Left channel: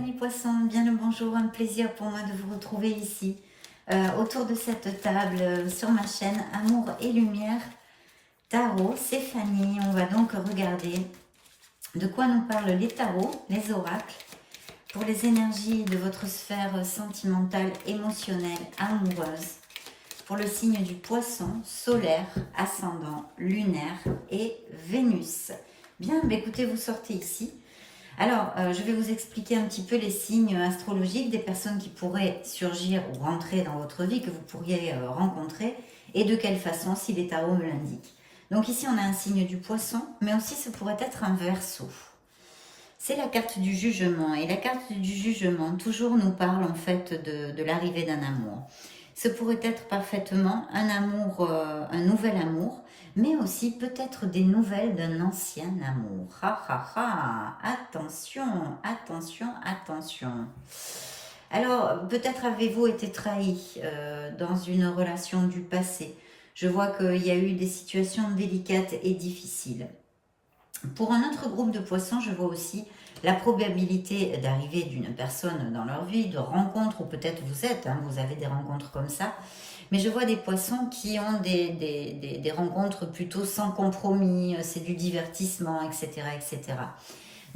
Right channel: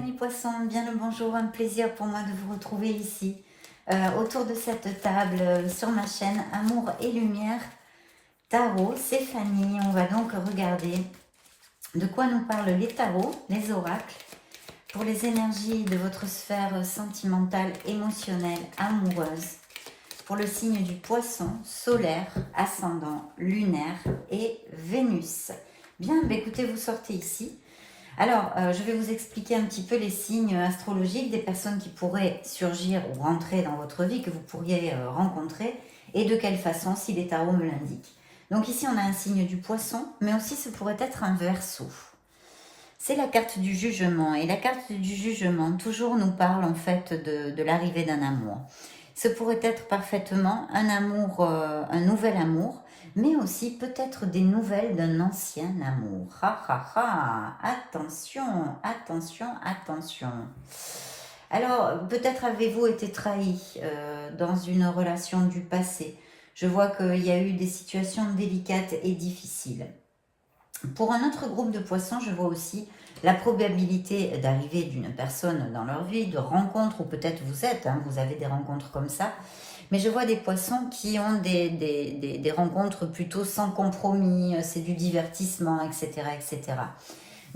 amis poissons, bien le bonjour, un plaisir pour moi de vous retrouver ici, autour de cette table sur ma chaîne Amour et Lumière Tarot. C'est Fanny, on va donc regarder de quoi nous parlent les tarots, les oracles, pour les énergies de votre sphère sentimentale, émotionnelle, amoureuse, pour le signe du poisson, solaire, ascendant, lunaire et Vénus. Bien, écoutez, vous sortez ici. Alors, je vais vous expliquer un petit peu les signes astrologiques des personnes qui pourraient surgir ou rentrer dans votre vie, que vous pourriez rencontrer, et de quelle façon, si les tarots me l'indiquent. Donc ici, on a un signe du poisson, mais aussi ce pourrait être un verseau. C'est la carte du jugement, et la carte du jugement toujours nous parle en fait de l'arrivée d'un amour. Ce pourrait être parfaitement un amour, un nouvel amour, mais aussi peut-être des nouvelles d'un ancien amour. Ha ha ha, attention, attention, attention. Alors, peut-être avez-vous été trahi dans une relation du passé. Je vois qu'il y a eu des situations délicates et difficiles. Pour un autre groupe de poissons, je vois aussi la probabilité d'arrivée d'une personne dans leur vie, de rencontres, ou peut-être vous êtes, vous avez des rencontres comme ça. Mais je vois des poissons qui ont des rencontres plutôt sans compromis, c'est du divertissement, etc. etc.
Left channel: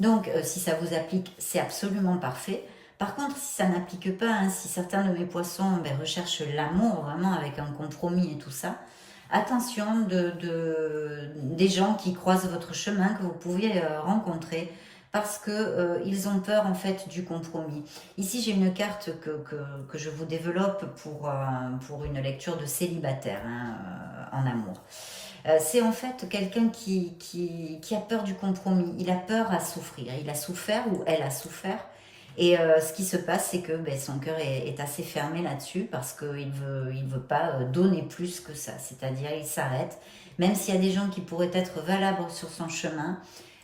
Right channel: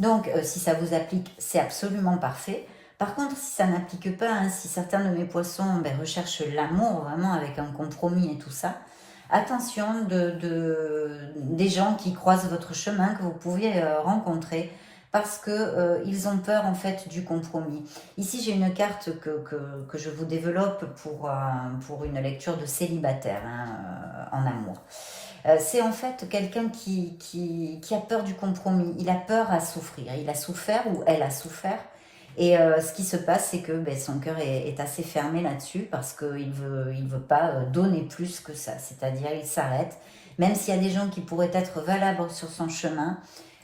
Donc, si ça vous applique, c'est absolument parfait. Par contre, si ça n'applique pas, si certains de mes poissons recherchent l'amour, vraiment avec un compromis et tout ça, attention des gens qui croisent votre chemin, que vous pouvez rencontrer, parce que ils ont peur en fait du compromis. Ici, j'ai une carte que je vous développe pour une lecture de célibataire en amour. C'est en fait quelqu'un qui a peur du compromis, il a peur à souffrir, il a souffert ou elle a souffert. Et ce qui se passe, c'est que son cœur est assez fermé là-dessus parce qu'il il veut pas donner plus que ça. C'est-à-dire, il s'arrête. Même s'il y a des gens qui pourraient être valables sur son chemin,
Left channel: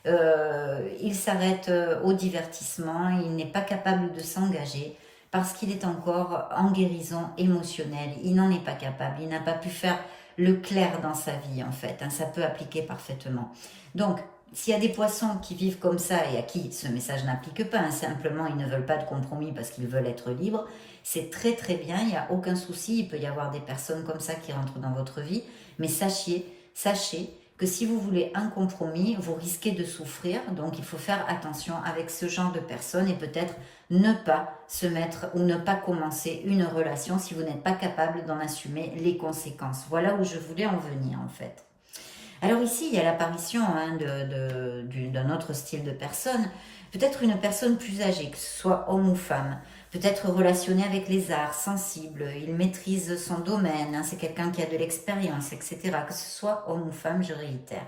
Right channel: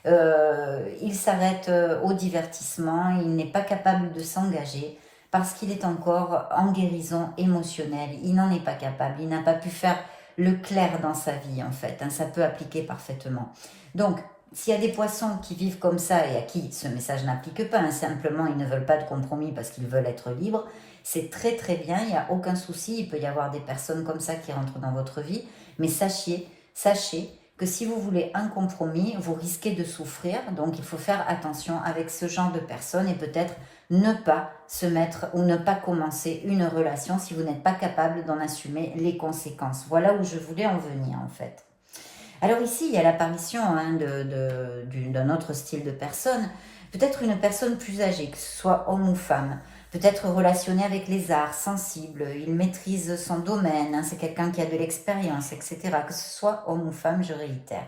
il s'arrête au divertissement. Il n'est pas capable de s'engager parce qu'il est encore en guérison émotionnelle. Il n'en est pas capable. Il n'a pas pu faire le clair dans sa vie, en fait. Ça peut appliquer parfaitement. Donc, s'il y a des poissons qui vivent comme ça et à qui ce message n'applique pas, simplement ils ne veulent pas de compromis parce qu'ils veulent être libres, c'est très très bien, il n'y a aucun souci, il peut y avoir des personnes comme ça qui rentrent dans votre vie, mais sachez que si vous voulez un compromis, vous risquez de souffrir, donc il faut faire attention avec ce genre de personnes et peut-être ne pas se mettre ou ne pas commencer une relation si vous n'êtes pas capable d'en assumer les conséquences. Voilà où je voulais en venir en fait. Alors ici, il y a l'apparition d'un autre style de personne, peut-être une personne plus âgée, que ce soit homme ou femme, peut-être relationné avec les arts, sensible, il maîtrise son domaine, c'est quelqu'un qui a de l'expérience, etc. Que ce soit homme ou femme, je réitère.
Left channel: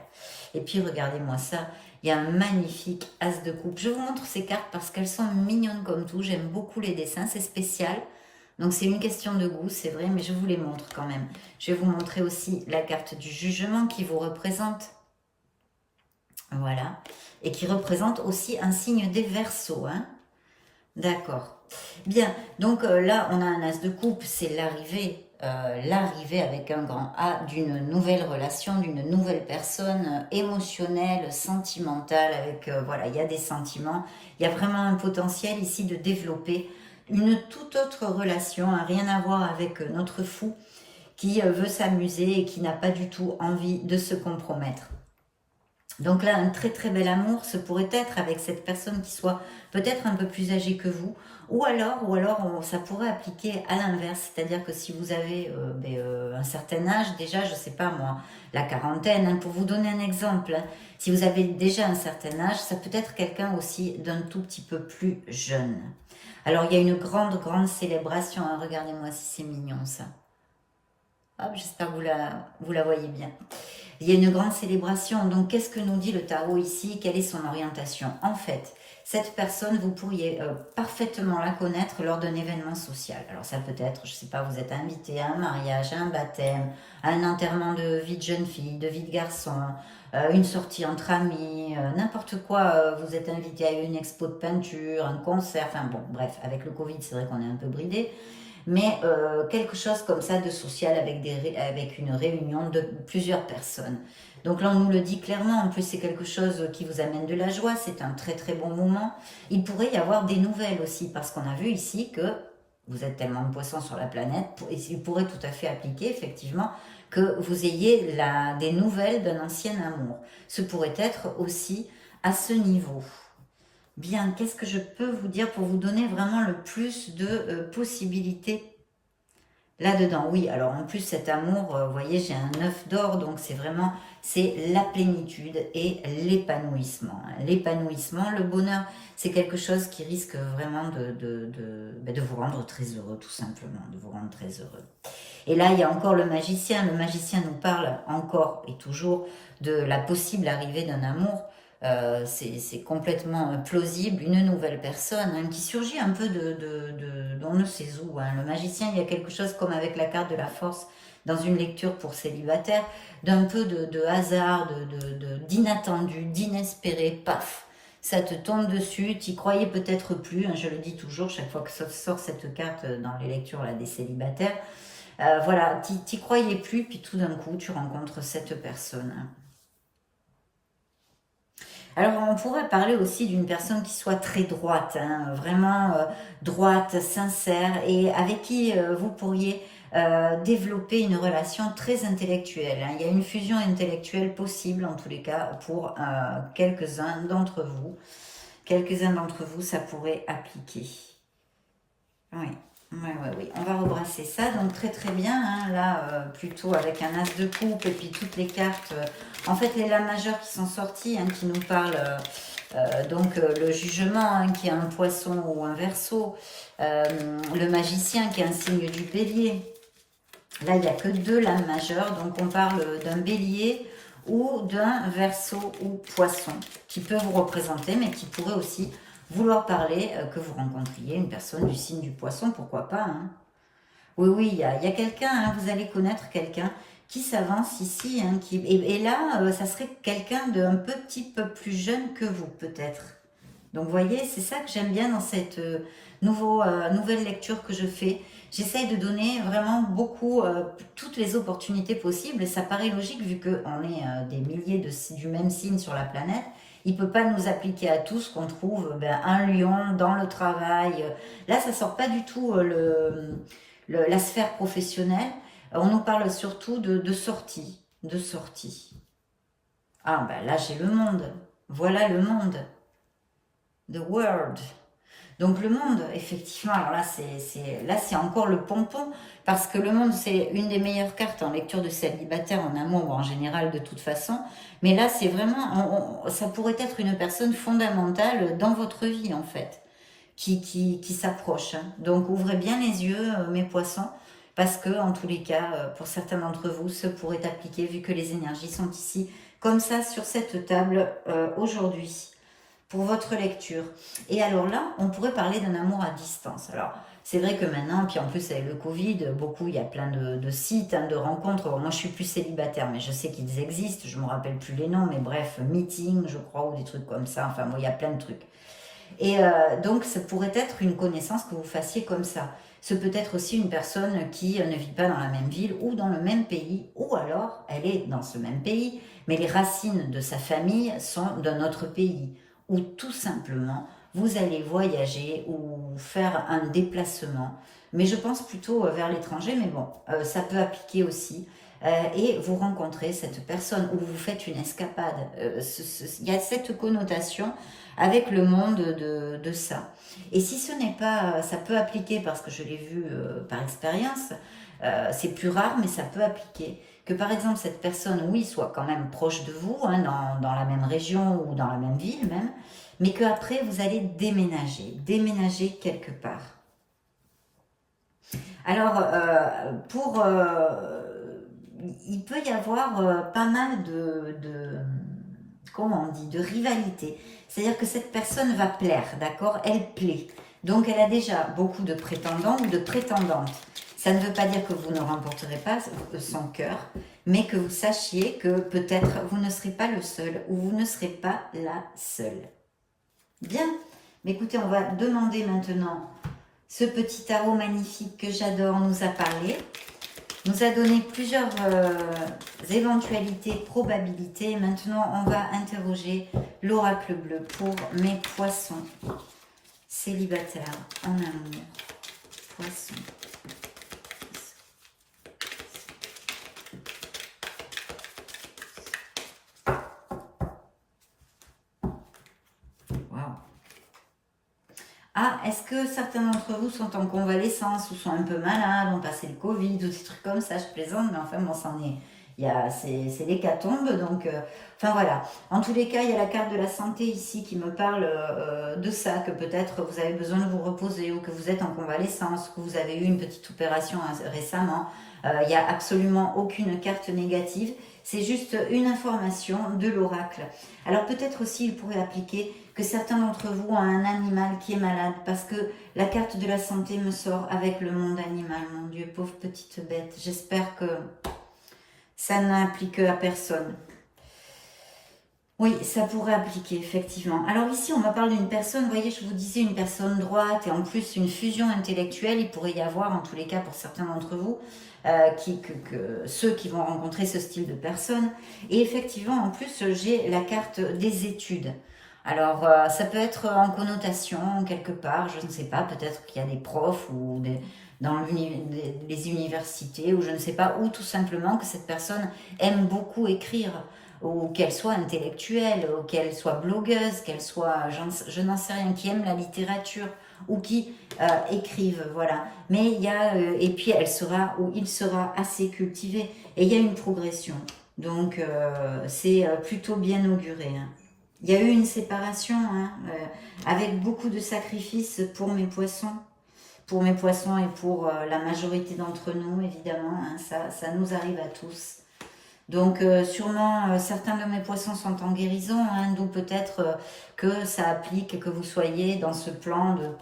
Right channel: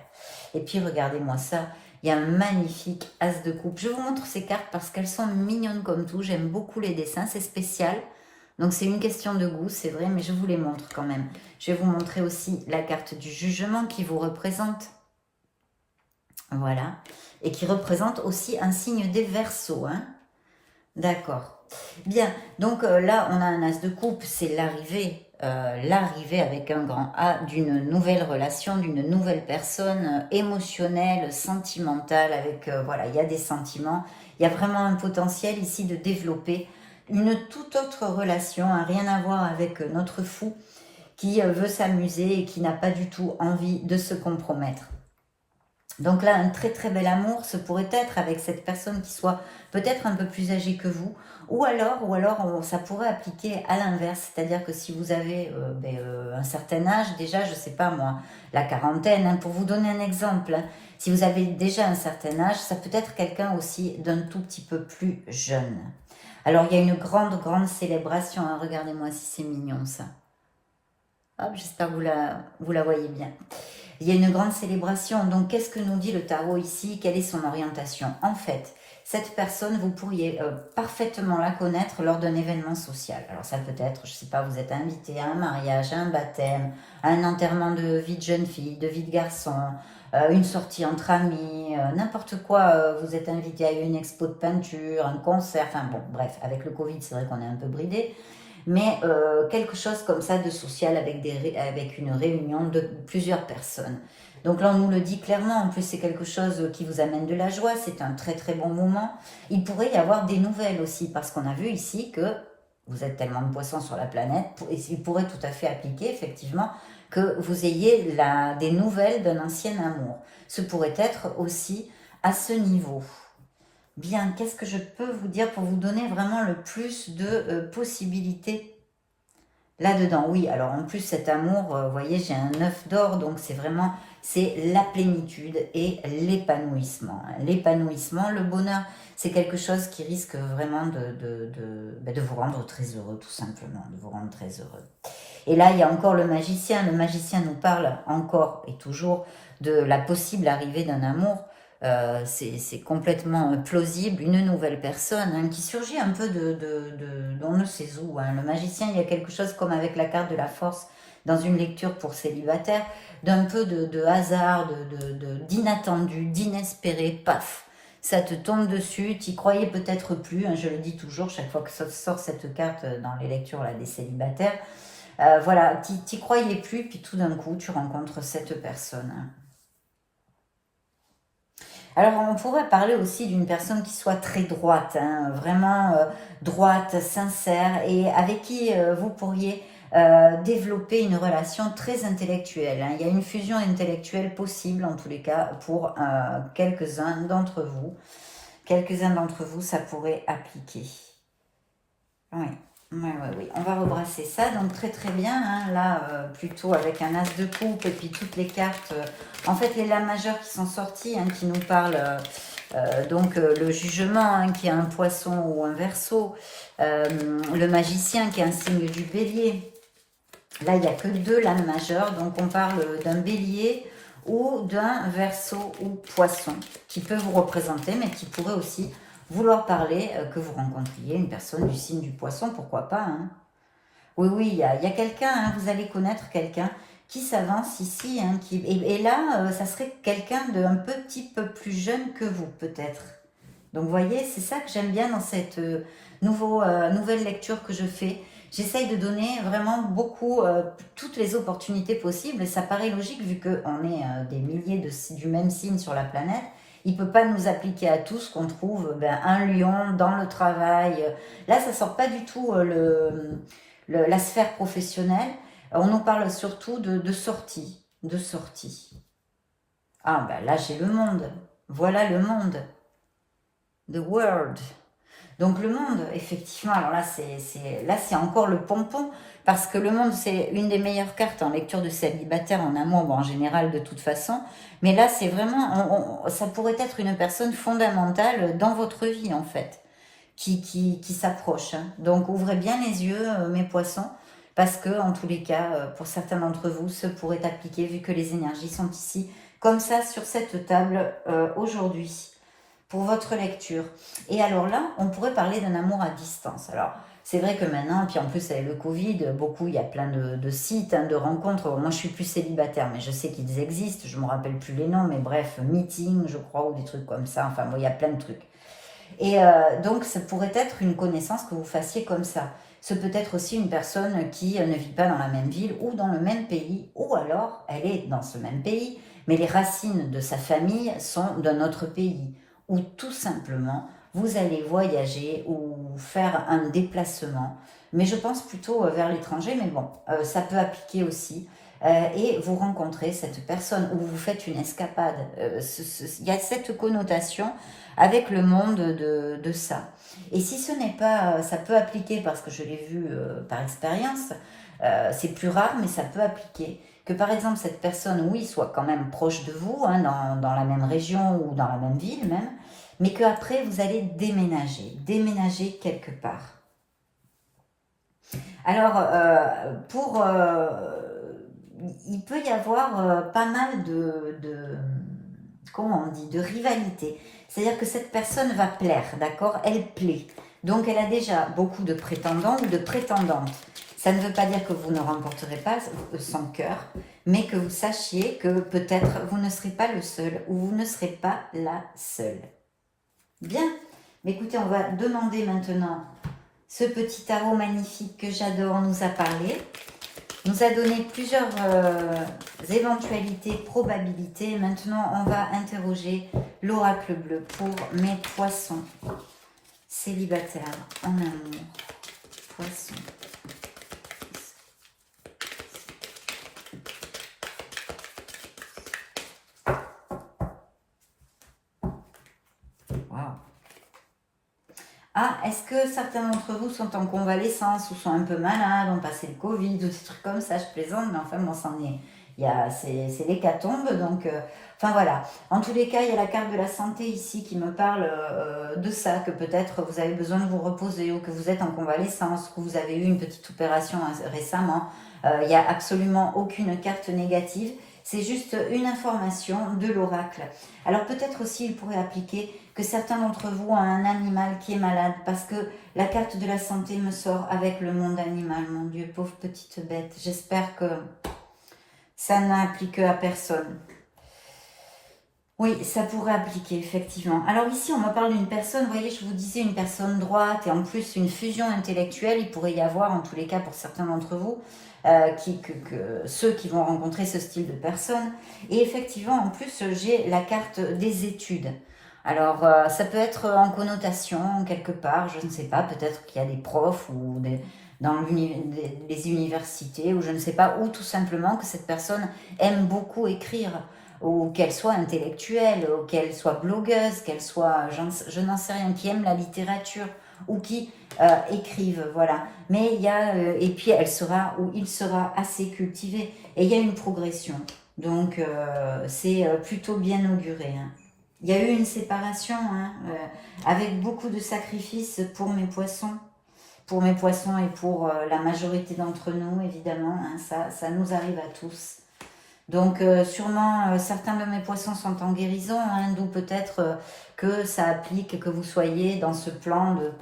Et puis regardez-moi ça, il y a un magnifique as de coupe. Je vous montre ces cartes parce qu'elles sont mignonnes comme tout, j'aime beaucoup les dessins, c'est spécial. Donc c'est une question de goût, c'est vrai, mais je vous les montre quand même. Je vais vous montrer aussi la carte du jugement qui vous représente. Voilà. Et qui représente aussi un signe des Verseaux. D'accord. Bien, donc là, on a un as de coupe, c'est l'arrivée avec un grand A d'une nouvelle relation, d'une nouvelle personne émotionnelle, sentimentale, avec, voilà, il y a des sentiments, il y a vraiment un potentiel ici de développer une toute autre relation, rien à voir avec notre fou qui veut s'amuser et qui n'a pas du tout envie de se compromettre. Donc là, un très très bel amour, ce pourrait être avec cette personne qui soit peut-être un peu plus âgée que vous, ou alors ça pourrait appliquer à l'inverse, c'est-à-dire que si vous avez un certain âge, déjà, je ne sais pas moi, la quarantaine, pour vous donner un exemple, si vous avez déjà un certain âge, ça peut être quelqu'un aussi d'un tout petit peu plus jeune. Alors, il y a une grande, grande célébration, regardez-moi si c'est mignon ça. Hop, j'espère que vous la voyez bien. Il y a une grande célébration. Donc, qu'est-ce que nous dit le tarot ici? Quelle est son orientation? En fait, cette personne, vous pourriez parfaitement la connaître lors d'un événement social. Alors, ça peut être, je ne sais pas, vous êtes invité à un mariage, à un baptême, à un enterrement de vie de jeune fille, de vie de garçon, une sortie entre amis, n'importe quoi. Vous êtes invité à une expo de peinture, un concert, enfin bon, bref, avec le Covid, c'est vrai qu'on est un peu bridé. Mais quelque chose comme ça de social avec une réunion de plusieurs personnes. Donc là, on nous le dit clairement. En plus, c'est quelque chose qui vous amène de la joie. C'est un très très bon moment. Il pourrait y avoir des nouvelles aussi, parce qu'on a vu ici que vous êtes tellement de poissons sur la planète, et il pourrait tout à fait appliquer, effectivement, que vous ayez des nouvelles d'un ancien amour. Ce pourrait être aussi à ce niveau. Bien, qu'est-ce que je peux vous dire pour vous donner vraiment le plus de possibilités là-dedans? Oui, alors en plus cet amour, vous voyez, j'ai un œuf d'or, donc c'est vraiment, c'est la plénitude et l'épanouissement. L'épanouissement, le bonheur, c'est quelque chose qui risque vraiment de vous rendre très heureux, tout simplement, de vous rendre très heureux. Et là, il y a encore le magicien. Le magicien nous parle encore et toujours de la possible arrivée d'un amour. C'est complètement plausible, une nouvelle personne hein, qui surgit un peu on ne sait où. Hein. Le magicien, il y a quelque chose comme avec la carte de la force dans une lecture pour célibataire, d'un peu de hasard, d'inattendu, d'inespéré, paf, ça te tombe dessus, tu croyais peut-être plus, hein, je le dis toujours chaque fois que sort cette carte dans les lectures là, des célibataires, voilà, tu croyais plus, puis tout d'un coup, tu rencontres cette personne. Alors, on pourrait parler aussi d'une personne qui soit très droite, hein, vraiment droite, sincère, et avec qui vous pourriez développer une relation très intellectuelle. Hein. Il y a une fusion intellectuelle possible, en tous les cas, pour quelques-uns d'entre vous. Quelques-uns d'entre vous, ça pourrait appliquer. Oui. Oui, oui, oui. On va rebrasser ça. Donc, très, très bien. Hein, là, plutôt avec un as de coupe et puis toutes les cartes. En fait, les lames majeures qui sont sorties, hein, qui nous parlent donc le jugement, hein, qui est un poisson ou un verseau. Le magicien, qui est un signe du bélier. Là, il n'y a que 2 lames majeures. Donc, on parle d'un bélier ou d'un verseau ou poisson qui peut vous représenter, mais qui pourrait aussi vouloir parler que vous rencontriez une personne du signe du poisson, pourquoi pas. Hein. Oui, oui, il y a quelqu'un, hein, vous allez connaître quelqu'un qui s'avance ici. Hein, et là, ça serait quelqu'un d'un petit peu plus jeune que vous, peut-être. Donc, vous voyez, c'est ça que j'aime bien dans cette nouvelle lecture que je fais. J'essaye de donner vraiment beaucoup, toutes les opportunités possibles. Et ça paraît logique vu qu'on est des milliers du même signe sur la planète. Il ne peut pas nous appliquer à tous qu'on trouve un lion dans le travail. Là, ça ne sort pas du tout la sphère professionnelle. On nous parle surtout de sortie. De sortie. Ah, ben là, j'ai le monde. Voilà le monde. The world. Donc le monde, effectivement, alors là c'est encore le pompon, parce que le monde c'est une des meilleures cartes en lecture de célibataire, en amour ou en général de toute façon, mais là c'est vraiment, ça pourrait être une personne fondamentale dans votre vie en fait, qui s'approche. Hein. Donc ouvrez bien les yeux mes poissons, parce que en tous les cas, pour certains d'entre vous, ce pourrait appliquer vu que les énergies sont ici, comme ça sur cette table aujourd'hui. Pour votre lecture. Et alors là, on pourrait parler d'un amour à distance. Alors, c'est vrai que maintenant, puis en plus avec le Covid, il y a plein de sites, hein, de rencontres. Moi, je suis plus célibataire, mais je sais qu'ils existent. Je ne me rappelle plus les noms, mais bref, meeting, je crois, ou des trucs comme ça. Enfin, bon, il y a plein de trucs. Et donc, ça pourrait être une connaissance que vous fassiez comme ça. Ce peut être aussi une personne qui ne vit pas dans la même ville ou dans le même pays, ou alors elle est dans ce même pays, mais les racines de sa famille sont d'un autre pays. Ou tout simplement, vous allez voyager ou faire un déplacement. Mais je pense plutôt vers l'étranger, mais bon, ça peut appliquer aussi. Et vous rencontrez cette personne ou vous faites une escapade. Il y a cette connotation avec le monde de ça. Et si ce n'est pas, ça peut appliquer, parce que je l'ai vu par expérience, c'est plus rare, mais ça peut appliquer. Que par exemple, cette personne, oui, soit quand même proche de vous, hein, dans la même région ou dans la même ville même, mais qu'après, vous allez déménager quelque part. Alors, il peut y avoir pas mal comment on dit, de rivalité. C'est-à-dire que cette personne va plaire, d'accord? Elle plaît. Donc, elle a déjà beaucoup de prétendants ou de prétendantes. Ça ne veut pas dire que vous ne remporterez pas son cœur, mais que vous sachiez que peut-être vous ne serez pas le seul ou vous ne serez pas la seule. Bien. Mais écoutez, on va demander maintenant ce petit tarot magnifique que j'adore nous a parlé. nous a donné plusieurs éventualités, probabilités. Maintenant, on va interroger l'oracle bleu pour mes poissons célibataires en amour. Poissons. Ah, est-ce que certains d'entre vous sont en convalescence ou sont un peu malades, ont passé le Covid ou des trucs comme ça, je plaisante, mais enfin bon, c'en est, c'est l'hécatombe, donc, enfin voilà. En tous les cas, il y a la carte de la santé ici qui me parle de ça, que peut-être vous avez besoin de vous reposer ou que vous êtes en convalescence, que vous avez eu une petite opération récemment. Il n'y a absolument aucune carte négative, c'est juste une information de l'oracle. Alors peut-être aussi, il pourrait appliquer que certains d'entre vous ont un animal qui est malade, parce que la carte de la santé me sort avec le monde animal. Mon Dieu, pauvre petite bête. J'espère que ça n'applique à personne. Oui, ça pourrait appliquer, effectivement. Alors ici, on me parle d'une personne, vous voyez, je vous disais, une personne droite, et en plus une fusion intellectuelle. Il pourrait y avoir, en tous les cas, pour certains d'entre vous, ceux qui vont rencontrer ce style de personne. Et effectivement, en plus, j'ai la carte des études. Alors, ça peut être en connotation, quelque part, je ne sais pas, peut-être qu'il y a des profs ou dans les universités, ou je ne sais pas, ou tout simplement que cette personne aime beaucoup écrire, ou qu'elle soit intellectuelle, ou qu'elle soit blogueuse, qu'elle soit, je n'en sais rien, qui aime la littérature, ou qui écrive, voilà. Mais il y a, et puis elle sera, ou il sera assez cultivé, et il y a une progression. Donc, c'est plutôt bien auguré, hein. Il y a eu une séparation, hein, avec beaucoup de sacrifices pour mes poissons et pour la majorité d'entre nous, évidemment, hein, ça nous arrive à tous. Donc sûrement certains de mes poissons sont en guérison, hein, d'où peut-être que ça applique que vous soyez dans ce plan de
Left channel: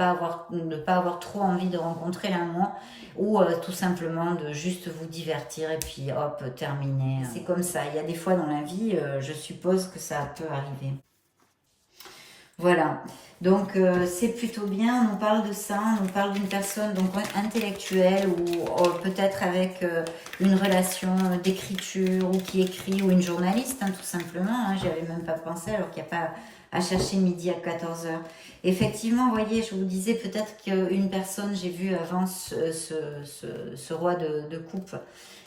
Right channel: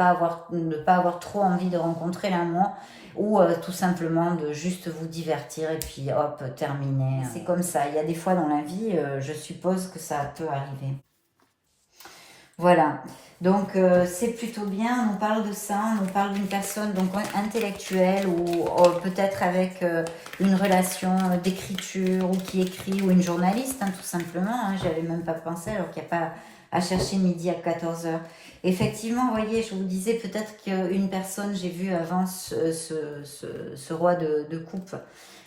ne pas avoir trop envie de rencontrer l'amour, ou tout simplement de juste vous divertir et puis hop, terminer. C'est comme ça, il y a des fois dans la vie, je suppose que ça peut arriver. Voilà, donc c'est plutôt bien, on nous parle de ça, on nous parle d'une personne donc intellectuelle ou peut-être avec une relation d'écriture ou qui écrit, ou une journaliste, hein, tout simplement, hein, j'y avais même pas pensé alors qu'il n'y a pas à chercher midi à 14 h. Effectivement, vous voyez, je vous disais peut-être qu'une personne, j'ai vu avant ce roi de coupe,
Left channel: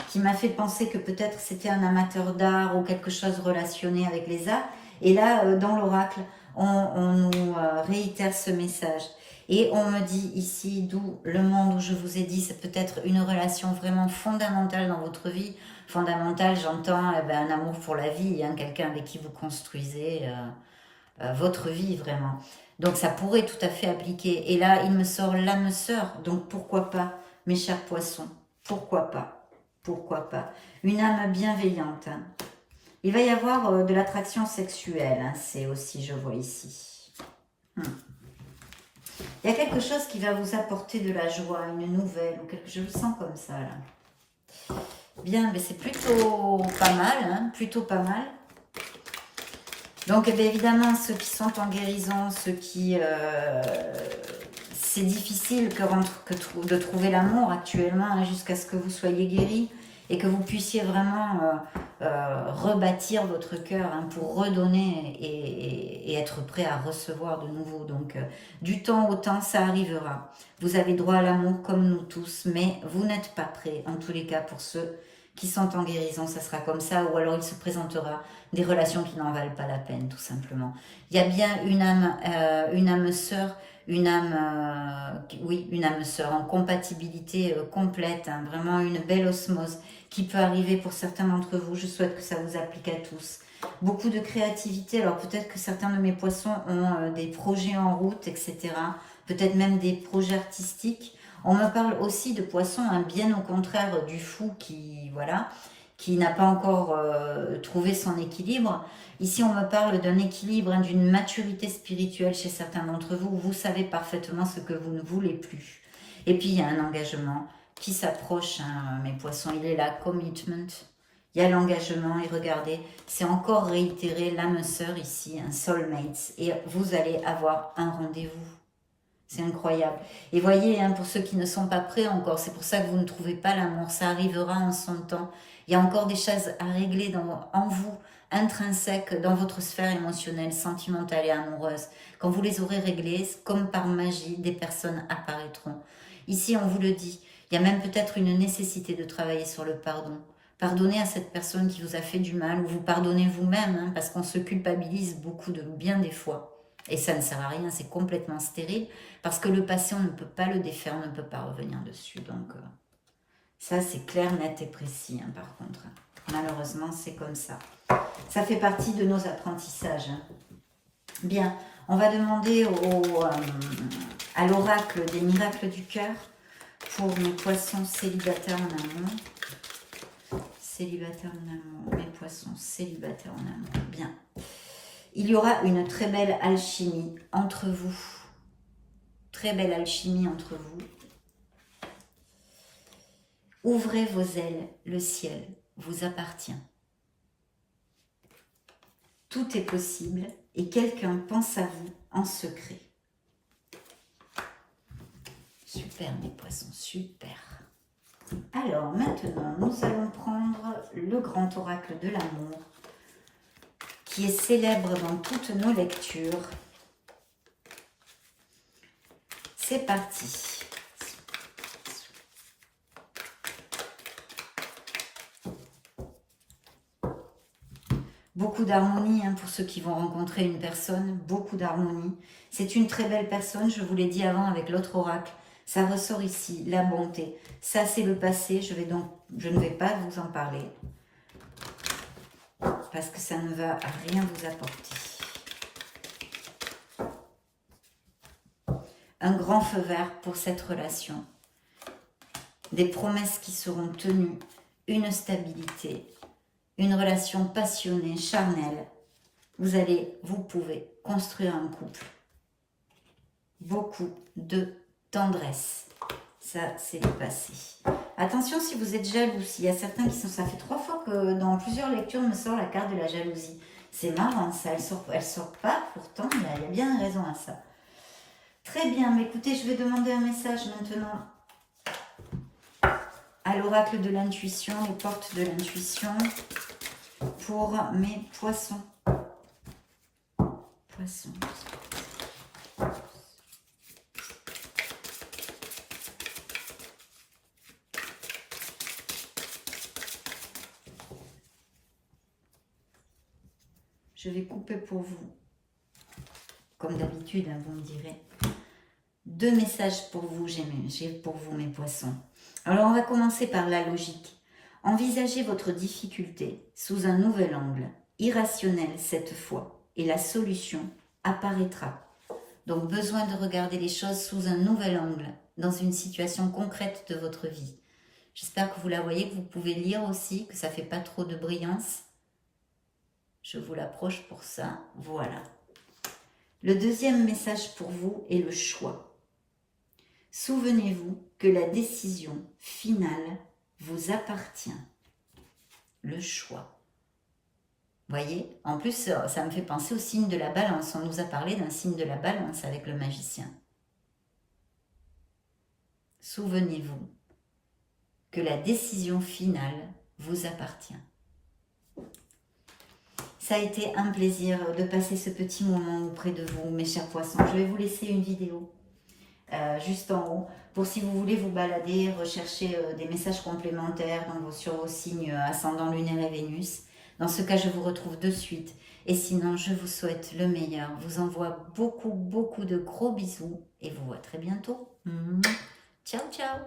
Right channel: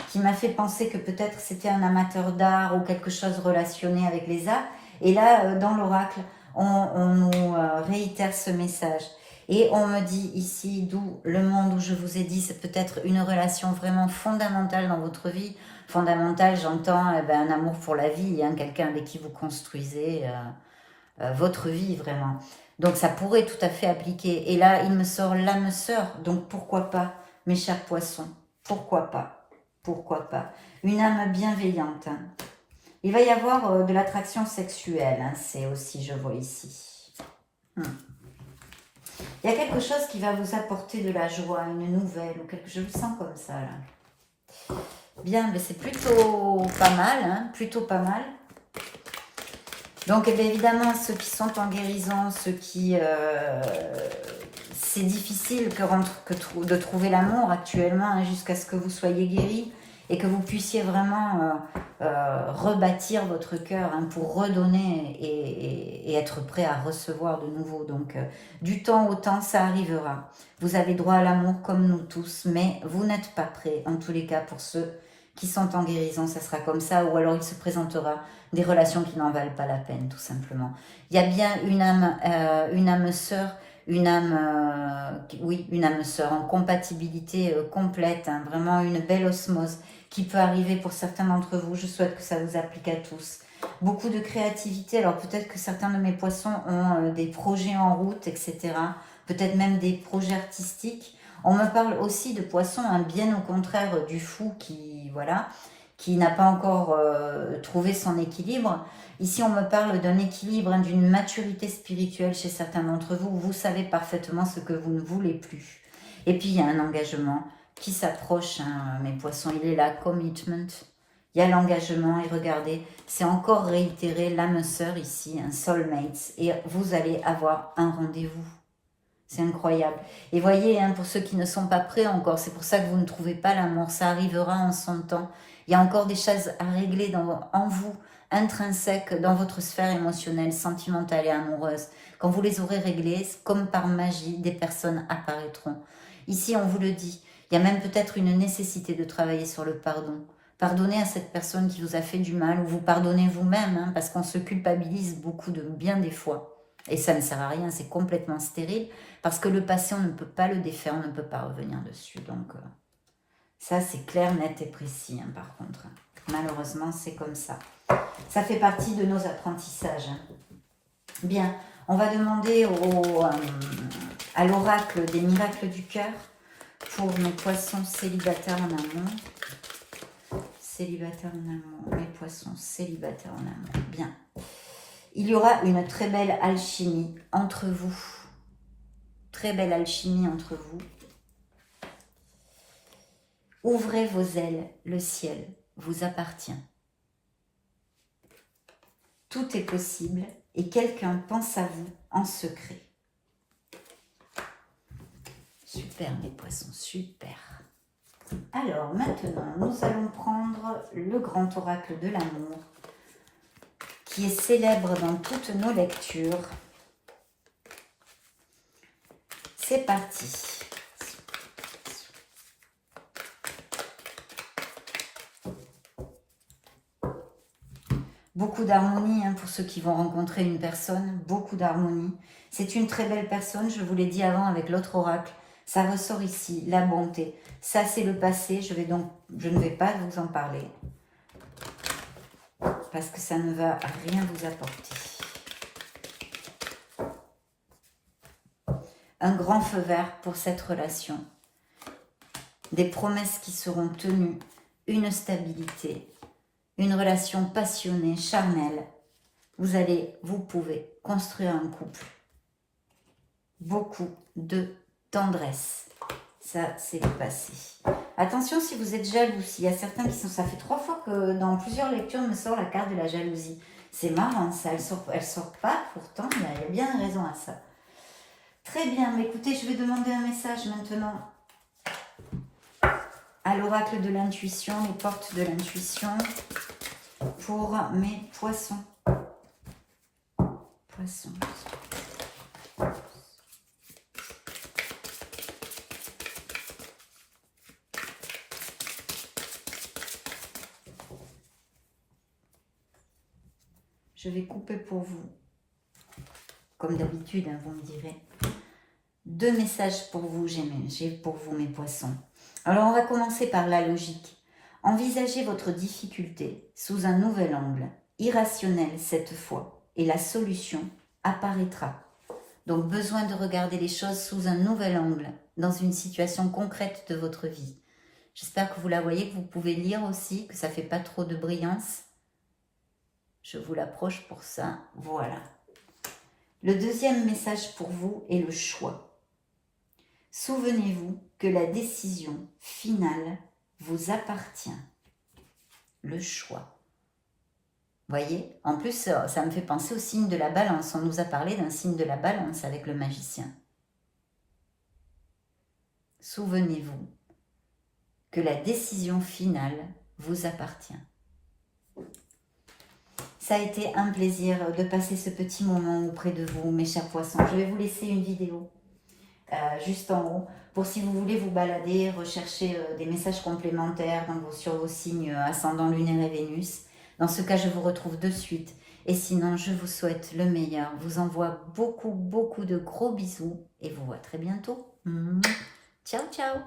qui m'a fait penser que peut-être c'était un amateur d'art ou quelque chose relationné avec les arts, et là, dans l'oracle, on nous réitère ce message. Et on me dit ici, d'où le monde où je vous ai dit, c'est peut-être une relation vraiment fondamentale dans votre vie. Fondamentale, j'entends un amour pour la vie, hein, quelqu'un avec qui vous construisez votre vie vraiment. Donc ça pourrait tout à fait appliquer. Et là, il me sort l'âme sœur. Donc pourquoi pas, mes chers poissons? Pourquoi pas? Pourquoi pas? Une âme bienveillante, hein. Il va y avoir de l'attraction sexuelle, hein, c'est aussi, je vois ici. Il y a quelque chose qui va vous apporter de la joie, une nouvelle, ou quelque chose, je le sens comme ça, là. Bien, mais c'est plutôt pas mal, hein, plutôt pas mal. Donc, évidemment, ceux qui sont en guérison, ceux qui... c'est difficile de trouver l'amour actuellement, hein, jusqu'à ce que vous soyez guéris et que vous puissiez vraiment rebâtir votre cœur, hein, pour redonner et être prêt à recevoir de nouveau. Donc, du temps au temps, ça arrivera. Vous avez droit à l'amour comme nous tous, mais vous n'êtes pas prêts, en tous les cas, pour ceux qui sont en guérison, ça sera comme ça, ou alors il se présentera des relations qui n'en valent pas la peine, tout simplement. Il y a bien une âme sœur, une âme sœur en compatibilité complète, hein, vraiment une belle osmose qui peut arriver pour certains d'entre vous. Je souhaite que ça vous applique à tous. Beaucoup de créativité, alors peut-être que certains de mes poissons ont des projets en route, etc. Peut-être même des projets artistiques. On me parle aussi de poissons, hein, bien au contraire du fou qui, voilà, qui n'a pas encore trouvé son équilibre. Ici, on me parle d'un équilibre, hein, d'une maturité spirituelle chez certains d'entre vous. Vous savez parfaitement ce que vous ne voulez plus. Et puis, il y a un engagement qui s'approche, hein, mes poissons. Il est là, commitment. Il y a l'engagement. Et regardez, c'est encore réitéré l'âme sœur ici, un soulmate. Et vous allez avoir un rendez-vous. C'est incroyable. Et voyez, hein, pour ceux qui ne sont pas prêts encore, c'est pour ça que vous ne trouvez pas l'amour. Ça arrivera en son temps. Il y a encore des choses à régler en vous, intrinsèques, dans votre sphère émotionnelle, sentimentale et amoureuse. Quand vous les aurez réglées, comme par magie, des personnes apparaîtront. Ici, on vous le dit, il y a même peut-être une nécessité de travailler sur le pardon. Pardonnez à cette personne qui vous a fait du mal, ou vous pardonnez vous-même, hein, parce qu'on se culpabilise beaucoup bien des fois. Et ça ne sert à rien, c'est complètement stérile, parce que le passé, on ne peut pas le défaire, on ne peut pas revenir dessus. Donc, ça, c'est clair, net et précis, hein, par contre. Malheureusement, c'est comme ça. Ça fait partie de nos apprentissages. Hein. Bien, on va demander à l'oracle des miracles du cœur pour mes poissons célibataires en amour. Célibataires en amour, mes poissons célibataires en amour. Bien. Il y aura une très belle alchimie entre vous. Très belle alchimie entre vous. Ouvrez vos ailes, le ciel vous appartient. Tout est possible et quelqu'un pense à vous en secret. Super mes poissons, super. Alors maintenant, nous allons prendre le grand oracle de l'amour qui est célèbre dans toutes nos lectures. C'est parti. Beaucoup d'harmonie hein, pour ceux qui vont rencontrer une personne, beaucoup d'harmonie. C'est une très belle personne, je vous l'ai dit avant avec l'autre oracle. Ça ressort ici, la bonté. Ça, c'est le passé, je ne vais pas vous en parler. Parce que ça ne va rien vous apporter. Un grand feu vert pour cette relation. Des promesses qui seront tenues, une stabilité. Une relation passionnée, charnelle. Vous pouvez construire un couple. Beaucoup de tendresse. Ça, c'est le passé. Attention si vous êtes jaloux. Il y a certains qui sont... Ça fait 3 fois que dans plusieurs lectures me sort la carte de la jalousie. C'est marrant ça. Elle sort pas. Pourtant, il y a bien une raison à ça. Très bien. Mais écoutez, je vais demander un message maintenant à l'oracle de l'intuition, les portes de l'intuition pour mes poissons. Poissons. Je vais couper pour vous, comme d'habitude, hein, vous me direz. 2 messages pour vous, j'ai pour vous mes poissons. Alors on va commencer par la logique. Envisagez votre difficulté sous un nouvel angle, irrationnel cette fois, et la solution apparaîtra. Donc besoin de regarder les choses sous un nouvel angle, dans une situation concrète de votre vie. J'espère que vous la voyez, que vous pouvez lire aussi, que ça ne fait pas trop de brillance. Je vous l'approche pour ça, voilà. Le deuxième message pour vous est le choix. Souvenez-vous que la décision finale vous appartient. Le choix. Voyez, en plus, ça me fait penser au signe de la balance. On nous a parlé d'un signe de la balance avec le magicien. Souvenez-vous que la décision finale vous appartient. Ça a été un plaisir de passer ce petit moment auprès de vous, mes chers poissons. Je vais vous laisser une vidéo juste en haut pour si vous voulez vous balader, rechercher des messages complémentaires sur vos signes ascendant, lunaire et Vénus. Dans ce cas, je vous retrouve de suite. Et sinon, je vous souhaite le meilleur. Je vous envoie beaucoup de gros bisous et vous vois très bientôt. Ciao, ciao.